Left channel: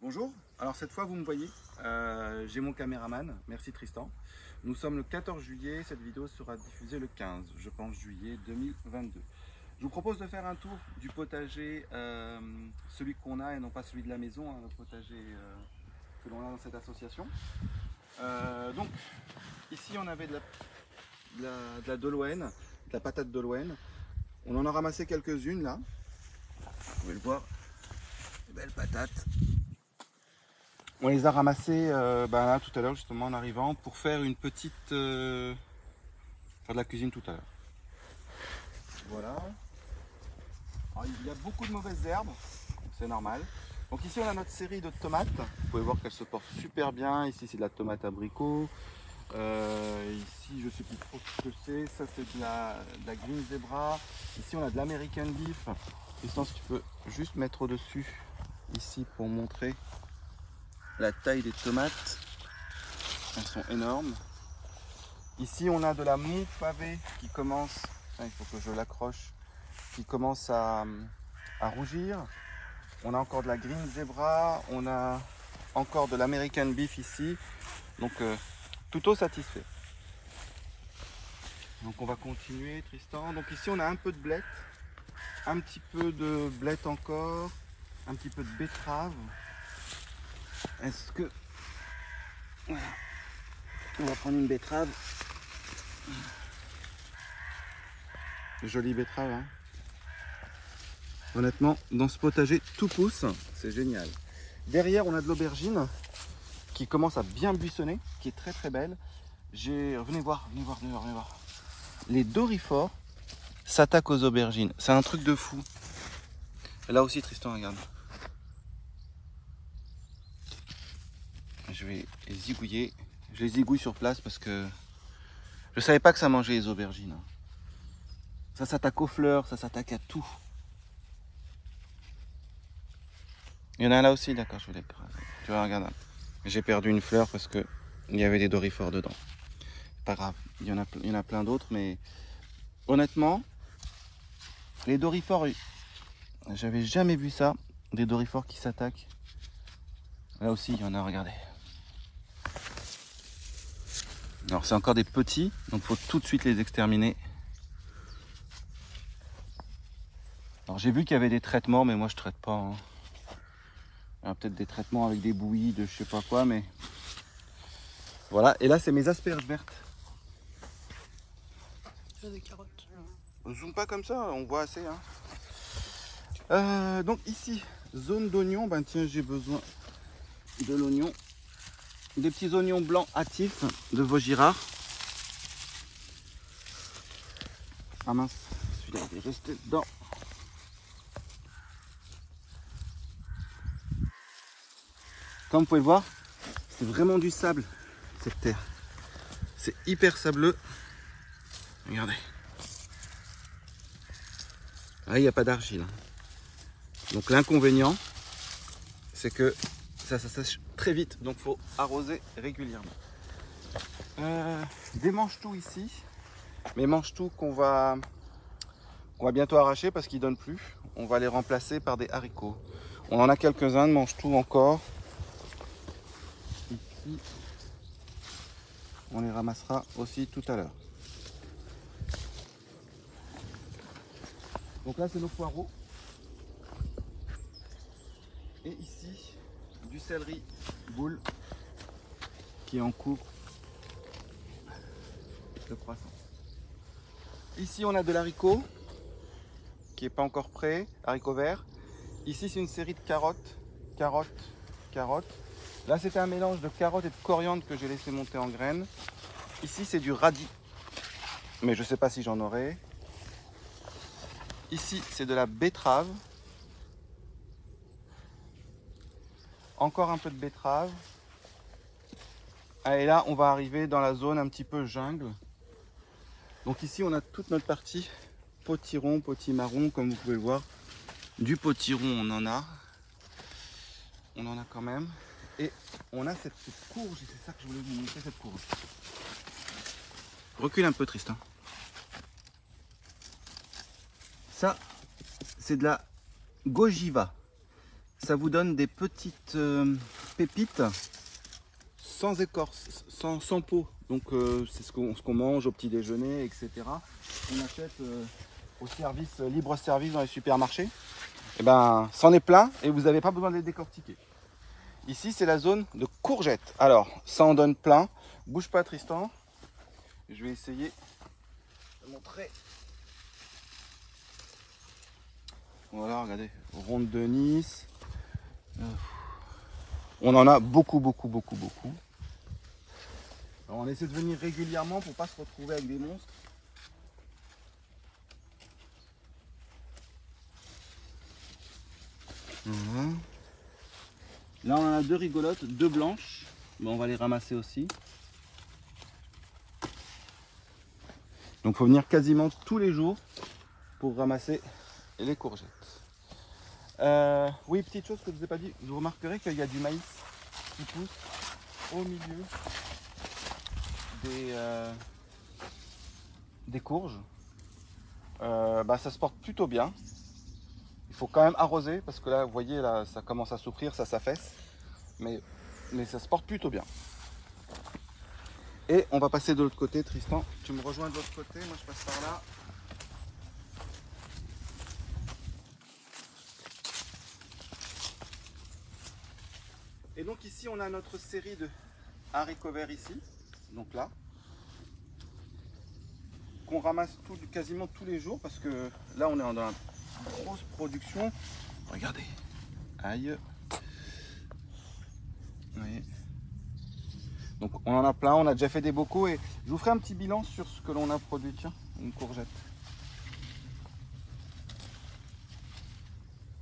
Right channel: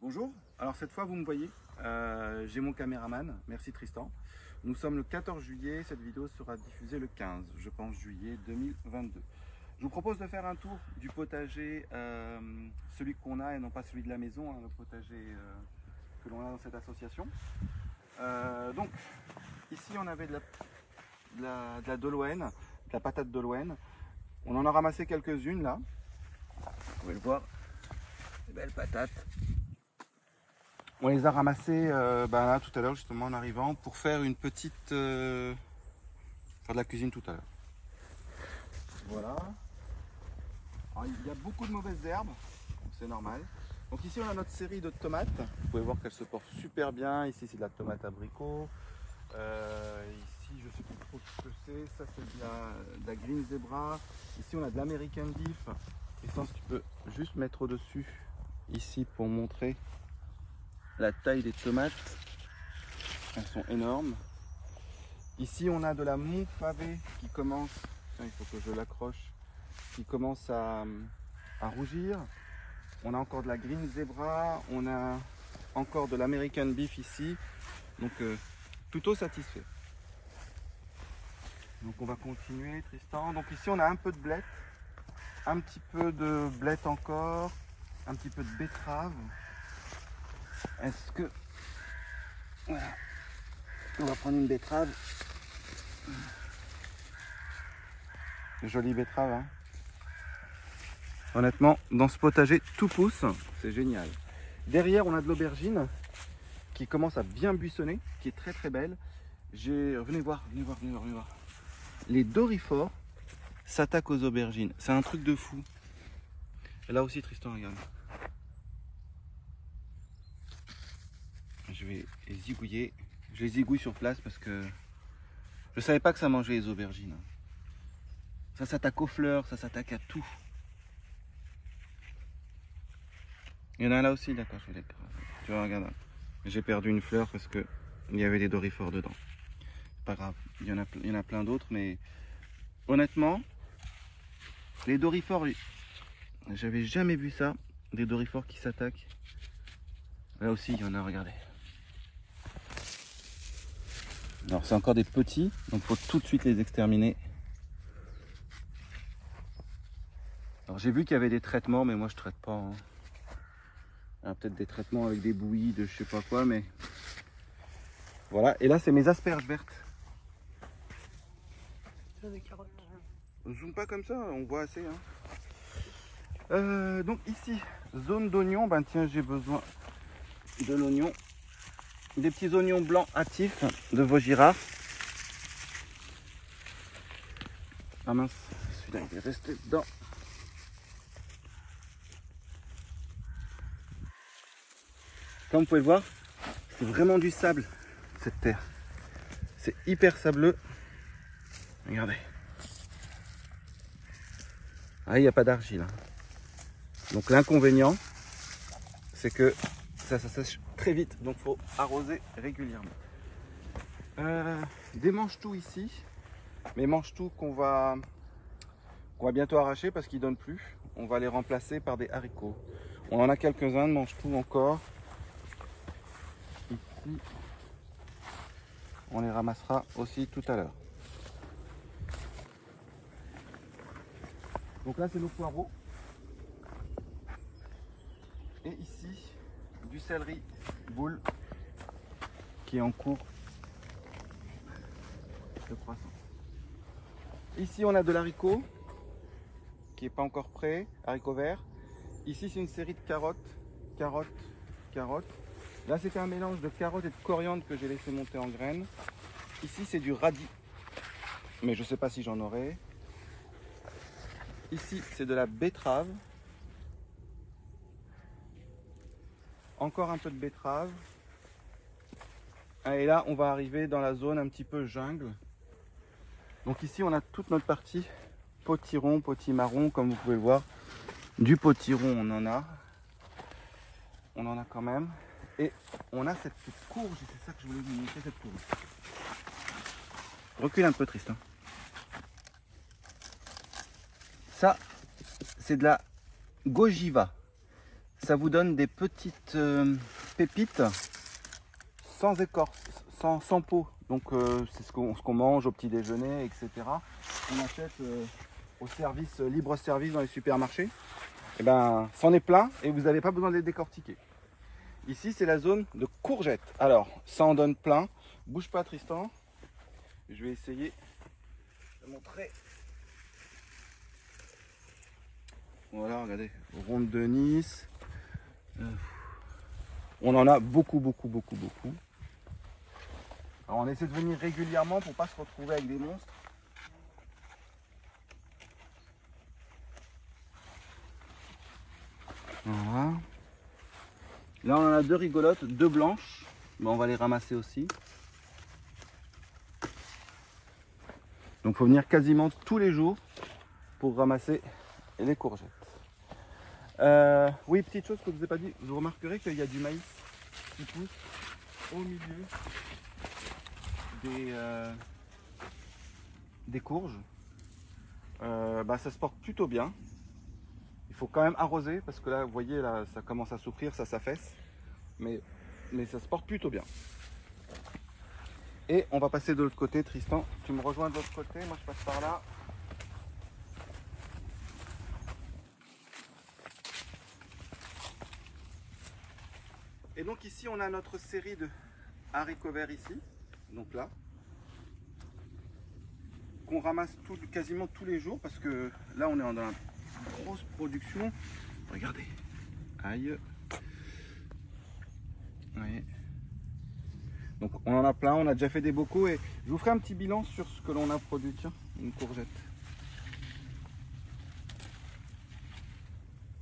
Bonjour, alors cette fois vous me voyez, j'ai mon caméraman, merci Tristan. Nous sommes le 14 juillet, cette vidéo sera diffusée le 15, je pense juillet 2022. Je vous propose de faire un tour du potager, celui qu'on a et non pas celui de la maison, hein, le potager que l'on a dans cette association. Donc ici on avait de la Doloène, de la patate Doloène. On en a ramassé quelques-unes là, vous pouvez le voir, des belles patates. On les a ramassés là, tout à l'heure justement en arrivant pour faire une petite... faire de la cuisine tout à l'heure. Voilà. Alors, il y a beaucoup de mauvaises herbes, c'est normal. Donc ici on a notre série de tomates. Vous pouvez voir qu'elles se portent super bien. Ici c'est de la tomate abricot. Ici je sais plus trop ce que c'est. Ça c'est de la Green Zebra. Ici on a de l'American Beef. Et ça, tu peux juste mettre au-dessus ici pour montrer la taille des tomates. Elles sont énormes. Ici on a de la Mont Pavé qui commence, il faut que je l'accroche, qui commence à rougir. On a encore de la Green Zebra, on a encore de l'American Beef ici. Donc tout au satisfait. Donc on va continuer Tristan. Donc ici on a un peu de blette, un petit peu de blette encore, un petit peu de betterave. Est-ce que... Voilà. On va prendre une betterave. Jolie betterave, hein. Honnêtement, dans ce potager, tout pousse, c'est génial. Derrière, on a de l'aubergine qui commence à bien buissonner, qui est très très belle. Venez voir. Les doryphores s'attaquent aux aubergines. C'est un truc de fou. Là aussi, Tristan, regarde. Je vais les zigouiller. Je les zigouille sur place parce que je savais pas que ça mangeait les aubergines. Ça s'attaque aux fleurs, ça s'attaque à tout. Il y en a un là aussi, d'accord, je vais l'écraser. Tu vois, regarde. J'ai perdu une fleur parce que il y avait des doryphores dedans. Pas grave, il y en a plein d'autres, mais honnêtement, les doryphores, j'avais jamais vu ça, des doryphores qui s'attaquent. Là aussi, il y en a, regardez. Alors, c'est encore des petits, donc il faut tout de suite les exterminer. Alors, j'ai vu qu'il y avait des traitements, mais moi, je traite pas. Hein. Il y a peut-être des traitements avec des bouillies de je sais pas quoi, mais... Voilà, et là, c'est mes asperges vertes. Des carottes. On zoome pas comme ça, on voit assez. Hein. Donc ici, zone d'oignon, ben tiens, j'ai besoin de l'oignon. Des petits oignons blancs hâtifs de Vaugirard. Ah mince, celui-là il est resté dedans. Comme vous pouvez le voir, c'est vraiment du sable, cette terre. C'est hyper sableux. Regardez. Ah, il n'y a pas d'argile. Hein. Donc l'inconvénient, c'est que ça sèche très vite. Donc il faut arroser régulièrement. Des mange-tout ici. Mais mange-tout qu'on va bientôt arracher parce qu'ils ne donnent plus. On va les remplacer par des haricots. On en a quelques-uns de mange-tout encore. Ici, on les ramassera aussi tout à l'heure. Donc là, c'est nos poireaux. Et ici, du céleri boule qui est en cours de croissance. Ici, on a de l'haricot qui n'est pas encore prêt, haricot vert. Ici, c'est une série de carottes, carottes. Là, c'était un mélange de carottes et de coriandre que j'ai laissé monter en graines. Ici, c'est du radis, mais je ne sais pas si j'en aurai. Ici, c'est de la betterave. Encore un peu de betterave. Et là, on va arriver dans la zone un petit peu jungle. Donc ici, on a toute notre partie potiron, potimarron, comme vous pouvez le voir. Du potiron, on en a. On en a quand même. Et on a cette petite courge, et c'est ça que je voulais vous montrer, cette courge. Recule un peu, Tristan. Ça, c'est de la Gojiva. Ça vous donne des petites pépites sans écorce, sans peau. Donc c'est ce qu'on mange au petit déjeuner, etc. On achète au service, libre service dans les supermarchés. Et ben, c'en est plein et vous n'avez pas besoin de les décortiquer. Ici, c'est la zone de courgettes. Alors, ça en donne plein. Bouge pas, Tristan. Je vais essayer de montrer. Voilà, regardez, ronde de Nice. On en a beaucoup. Alors, on essaie de venir régulièrement pour pas se retrouver avec des monstres. Voilà. Là, on en a deux rigolotes, deux blanches. Mais on va les ramasser aussi. Donc, il faut venir quasiment tous les jours pour ramasser les courgettes. Oui, petite chose que je ne vous ai pas dit, vous remarquerez qu'il y a du maïs qui pousse au milieu des courges. Ça se porte plutôt bien. Il faut quand même arroser parce que là, vous voyez, là, ça commence à souffrir, ça s'affaisse. Mais ça se porte plutôt bien. Et on va passer de l'autre côté. Tristan, tu me rejoins de l'autre côté, moi je passe par là. Et donc ici on a notre série de haricots verts ici, donc là, qu'on ramasse quasiment tous les jours parce que là on est dans une grosse production. Regardez, aïe, vous voyez. Donc on en a plein, on a déjà fait des bocaux et je vous ferai un petit bilan sur ce que l'on a produit. Tiens, une courgette.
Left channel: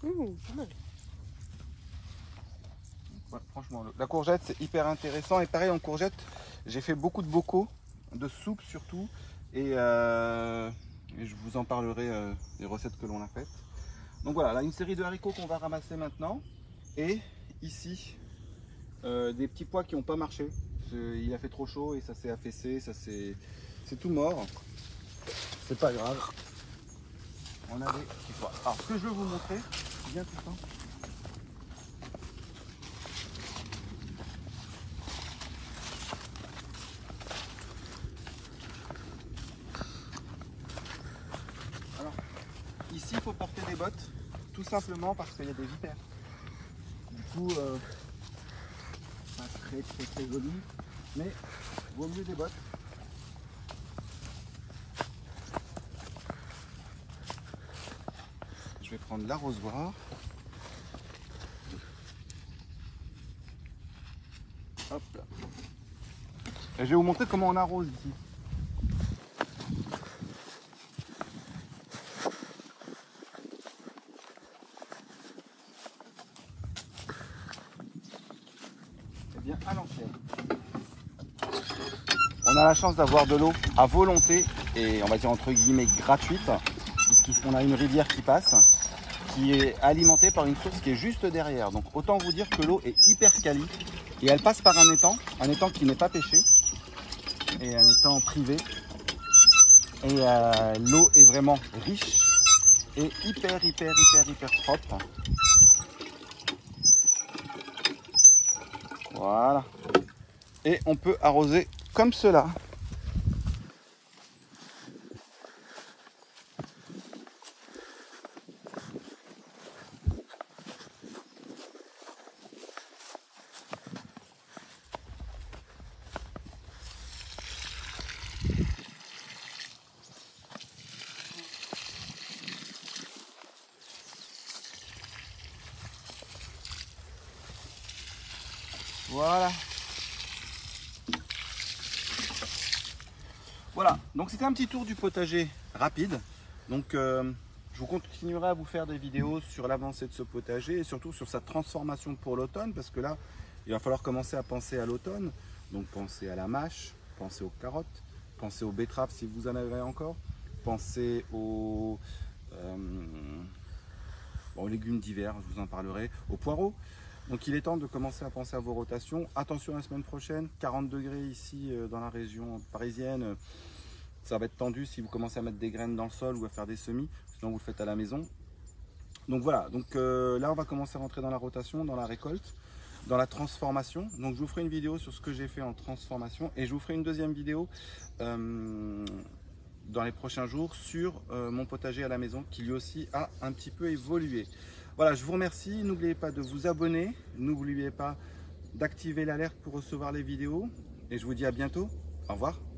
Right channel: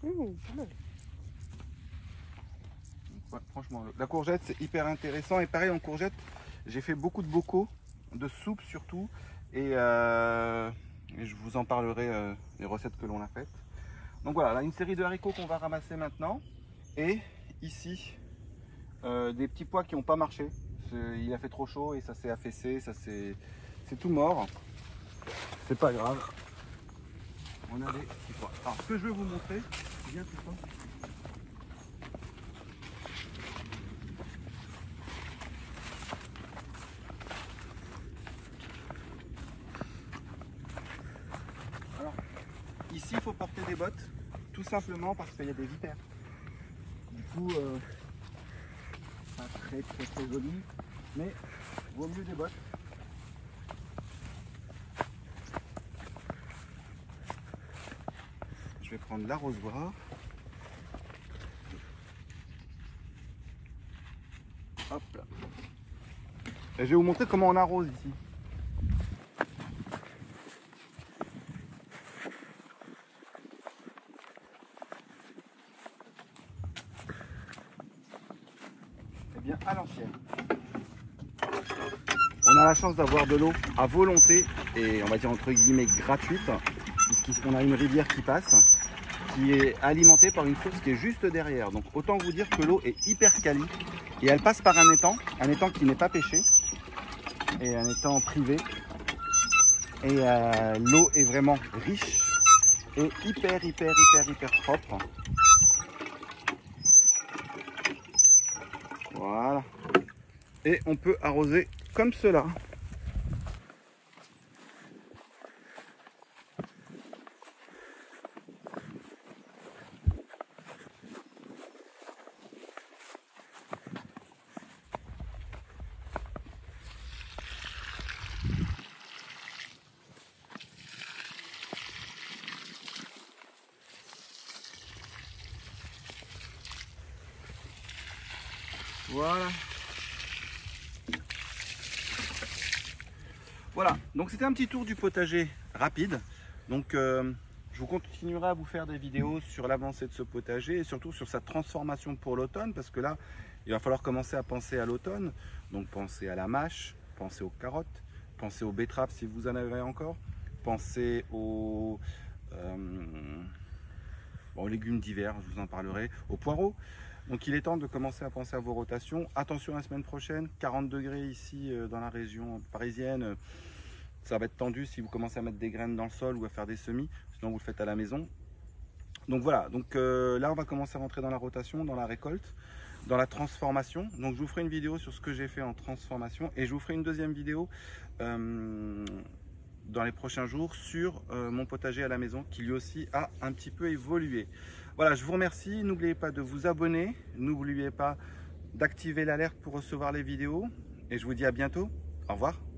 Pas mal. Ouais, franchement, la courgette c'est hyper intéressant et pareil en courgette, j'ai fait beaucoup de bocaux, de soupe surtout et je vous en parlerai des recettes que l'on a faites. Donc voilà, là une série de haricots qu'on va ramasser maintenant et ici des petits pois qui n'ont pas marché. Il a fait trop chaud et ça s'est affaissé, c'est tout mort. C'est pas grave. On a des petits pois. Alors ce que je veux vous montrer, viens tout ça. Alors ici il faut porter des bottes, tout simplement parce qu'il y a des vipères. Du coup, pas très joli, mais vaut mieux des bottes. Je vais prendre l'arrosoir. Hop là. Et je vais vous montrer comment on arrose ici. Eh bien, à l'ancienne. On a la chance d'avoir de l'eau à volonté et on va dire entre guillemets gratuite, puisqu'on a une rivière qui passe, qui est alimentée par une source qui est juste derrière. Donc autant vous dire que l'eau est hyper quali et elle passe par un étang qui n'est pas pêché et un étang privé. Et l'eau est vraiment riche et hyper propre. Voilà. Et on peut arroser comme cela. Voilà. Voilà, donc c'était un petit tour du potager rapide. Donc je vous continuerai à vous faire des vidéos sur l'avancée de ce potager et surtout sur sa transformation pour l'automne, parce que là, il va falloir commencer à penser à l'automne. Donc pensez à la mâche, pensez aux carottes, pensez aux betteraves si vous en avez encore, pensez aux légumes d'hiver, je vous en parlerai, aux poireaux. Donc il est temps de commencer à penser à vos rotations. Attention la semaine prochaine, 40 degrés ici dans la région parisienne. Ça va être tendu si vous commencez à mettre des graines dans le sol ou à faire des semis. Sinon vous le faites à la maison. Donc voilà, donc là on va commencer à rentrer dans la rotation, dans la récolte, dans la transformation. Donc je vous ferai une vidéo sur ce que j'ai fait en transformation et je vous ferai une deuxième vidéo dans les prochains jours sur mon potager à la maison qui lui aussi a un petit peu évolué. Voilà, je vous remercie. N'oubliez pas de vous abonner, n'oubliez pas d'activer l'alerte pour recevoir les vidéos et je vous dis à bientôt. Au revoir.